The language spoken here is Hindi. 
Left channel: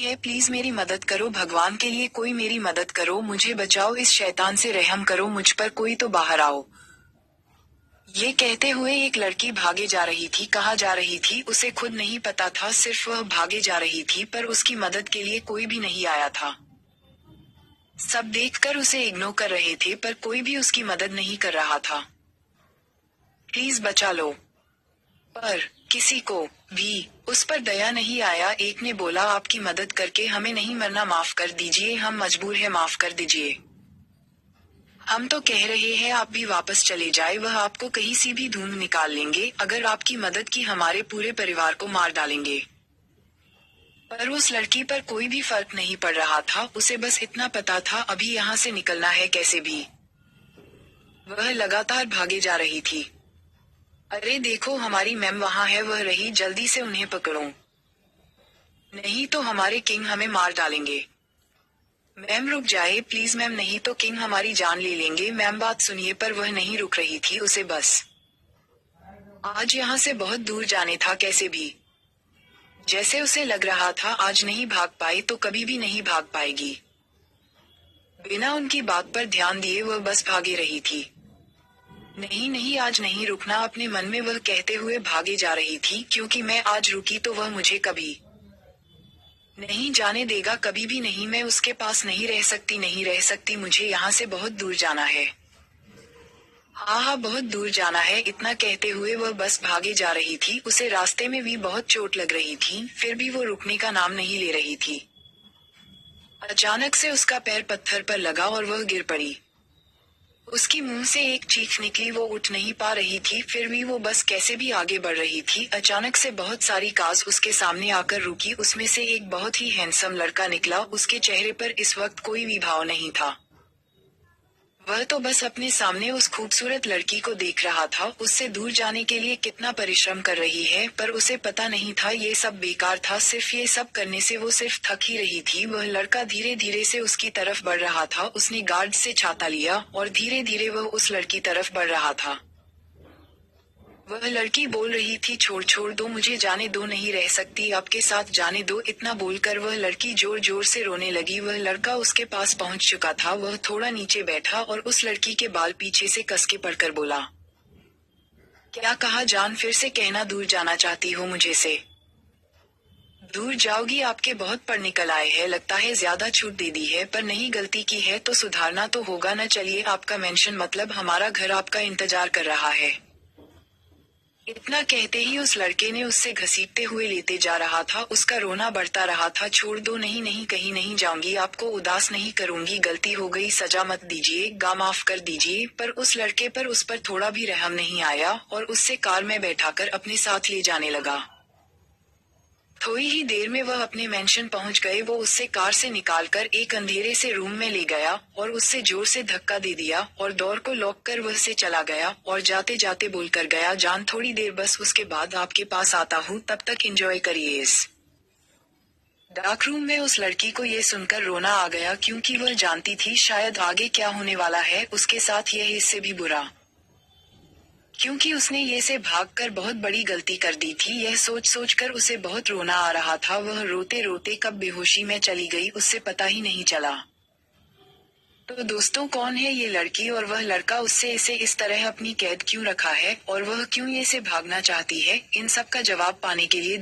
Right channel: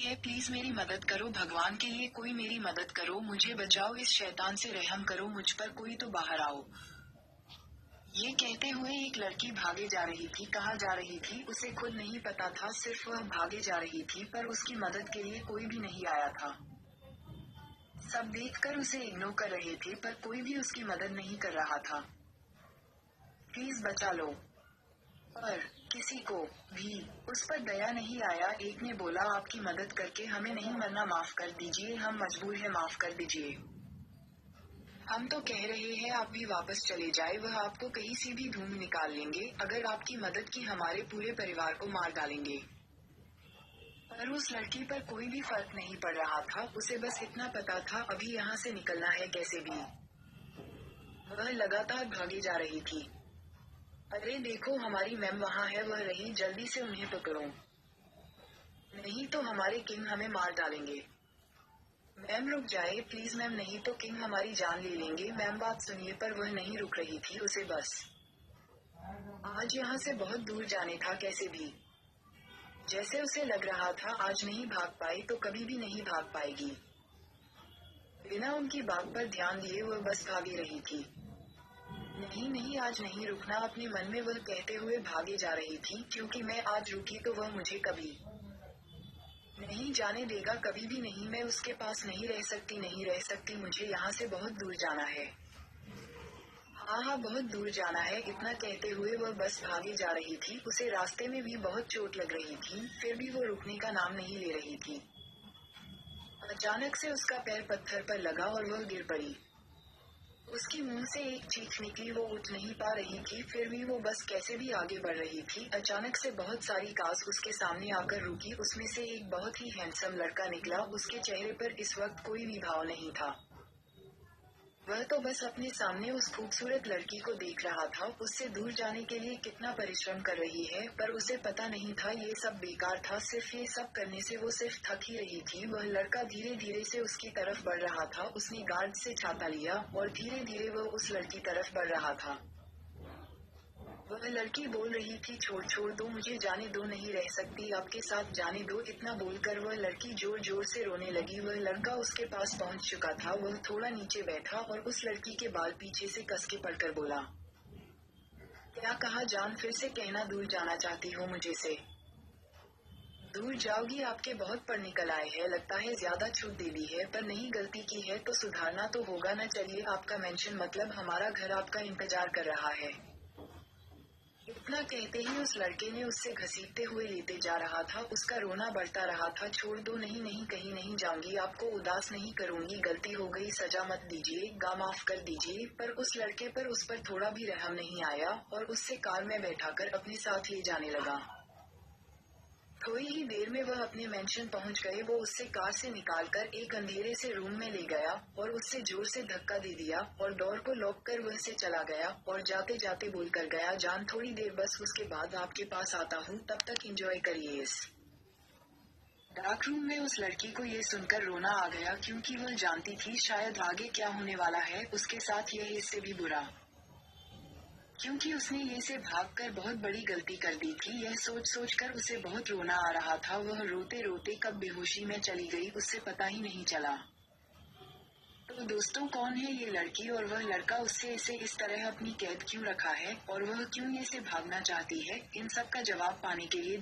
है, प्लीज मेरी मदद करो, भगवान के लिए कोई मेरी मदद करो, मुझे बचाओ, इस शैतान से रहम करो, मुझ पर कोई तो बाहर आओ। ये कहते हुए एक लड़की भागे जा रही थी। कहाँ जा रही थी उसे खुद नहीं पता था, सिर्फ वह भागे जा रही थी, पर उसकी मदद के लिए कोई भी नहीं आया था। सब देखकर उसे इग्नोर कर रहे थे, पर कोई भी उसकी मदद नहीं कर रहा था। प्लीज बचा लो। पर किसी को भी उस पर दया नहीं आया। एक ने बोला, आपकी मदद करके हमें नहीं मरना, माफ कर दीजिए, हम मजबूर हैं, माफ कर दीजिए। हम तो कह रहे हैं आप भी वापस चले जाए, वह आपको कहीं से भी ढूंढ निकाल लेंगे, अगर आपकी मदद की हमारे पूरे परिवार को मार डालेंगे। पर उस लड़की पर कोई भी फर्क नहीं पड़ रहा था, उसे बस इतना पता था अभी यहाँ से निकलना है कैसे भी। वह लगातार भागे जा रही थी। अरे देखो, हमारी मैम वहाँ है, वह रही, जल्दी से उन्हें पकड़ो, नहीं तो हमारे किंग हमें मार डालेंगे। मैम रुक जाए प्लीज मैम, नहीं तो किंग हमारी जान ले लेंगे। मैम बात सुनिए। पर वह नहीं रुक रही थी, उसे बस आज यहाँ से बहुत दूर जाने था कैसे भी। जैसे उसे लग रहा था आज नहीं भाग पाई तो कभी भी नहीं भाग पाएगी। बिना उनकी बात पर ध्यान दिए वह बस भागे रही थी। नहीं नहीं, आज नहीं रुकना, अपने मन में वह कहते हुए भागे जा रही थी, क्योंकि मैं आज रुकी तो वह मुझे कभी नहीं जाने देगा, कभी भी नहीं। मैं उसके पास नहीं रह सकती, नहीं रह सकती, मुझे यहाँ से बहुत दूर जाना है। हाँ हाँ, बहुत दूर जाना है। इतना कहते हुए वह बस भागे जा रही थी। उसे रास्ते में भी बहुत चोट लग रही थी, फिर भी वो रुकने का नाम नहीं ले रही थी। अचानक से उसका पैर पत्थर पर लगा और वह गिर पड़ी। उसकी मुंह से एक चीख निकली, वो उठ नहीं पा रही थी, फिर भी वो बस कैसे भी आगे बढ़ रही थी। अचानक से बहुत सारी कार्स उसके सामने आकर रुकी, उसमें से एक बहुत ही हैंडसम लड़का निकला। उसके चेहरे पर इस वक्त कोई भी भाव नहीं था। वह तो बस अपने सामने उस खूबसूरत लड़की को देख रहा था, उससे दूर जाने के लिए कितना परिश्रम कर रही है, पर उसे पता नहीं था ये सब बेकार था। सिर्फ ये सब करने से वो सिर्फ थक ही रही थी। वह लड़का धीरे धीरे से उसकी तरफ बढ़ रहा था। उसने गार्ड से छाता लिया और धीरे धीरे वह उस लड़की तरफ बढ़ रहा था। वह लड़की बोल रही थी, छोड़ छोड़ दो मुझे, जाने दो, नहीं रह सकती आपके साथ, जाने दो। इतना बोलकर वह लड़की जोर जोर से रोने लगी। वह लड़का उसके पास पहुंच चुका था। वह थोड़ा नीचे बैठा और उस लड़की के बाल पीछे से कस के पकड़कर बोला, क्या कहा जान, फिर से कहना, दूर जाना चाहती हो मुझे से? दूर जाओगी? आपके बहुत पढ़ निकल आए हैं, लगता है ज्यादा छूट दे दी है, पर नहीं, गलती की है तो सुधारना तो होगा न। चलिए, आपका मेंशन मतलब हमारा घर आपका इंतजार कर रहा है। इतना कहते ही उस लड़के ने उससे घसीटते हुए लेते जा रहा था। उसका रोना बढ़ता रहा था, छोड़ दो, नहीं नहीं, कहीं नहीं जाऊंगी, आपको उदास नहीं करूंगी, गलती हो गई, सजा मत दीजिए, गा माफ कर दीजिए। पर उस लड़के पर उस पर थोड़ा भी रहम नहीं आया और उससे कार में बैठाकर अपने साथ ले जाने लगा। थोड़ी ही देर में वह अपने मेंशन पहुंच गए। वो उससे कार से निकालकर एक अंधेरे से रूम में ले गया और उससे जोर से धक्का दे दिया और डोर को लॉक कर वह से चला गया और जाते जाते बोलकर गया, जान थोड़ी देर बस, उसके बाद आपके पास आता हूँ, तब तक एंजॉय करिए। इस डार्क रूम में उस लड़की को ये सुनकर रोना आ गया, क्योंकि वह जानती थी शायद आगे क्या होने वाला है उसके साथ, यह इससे भी बुरा, क्योंकि उसने ये से भागकर बहुत बड़ी गलती कर दी थी। यह सोच सोच कर उसे बहुत रोना आ रहा था। वह रोते रोते कब बेहोशी में चली गई उससे पता ही नहीं चला। तो दोस्तों, कौन है ये लड़की और वह लड़का? उससे इसे इस तरह अपनी कैद क्यों रखा है और वह क्यों ये से भागना चाहती है? इन सब का जवाब पाने के लिए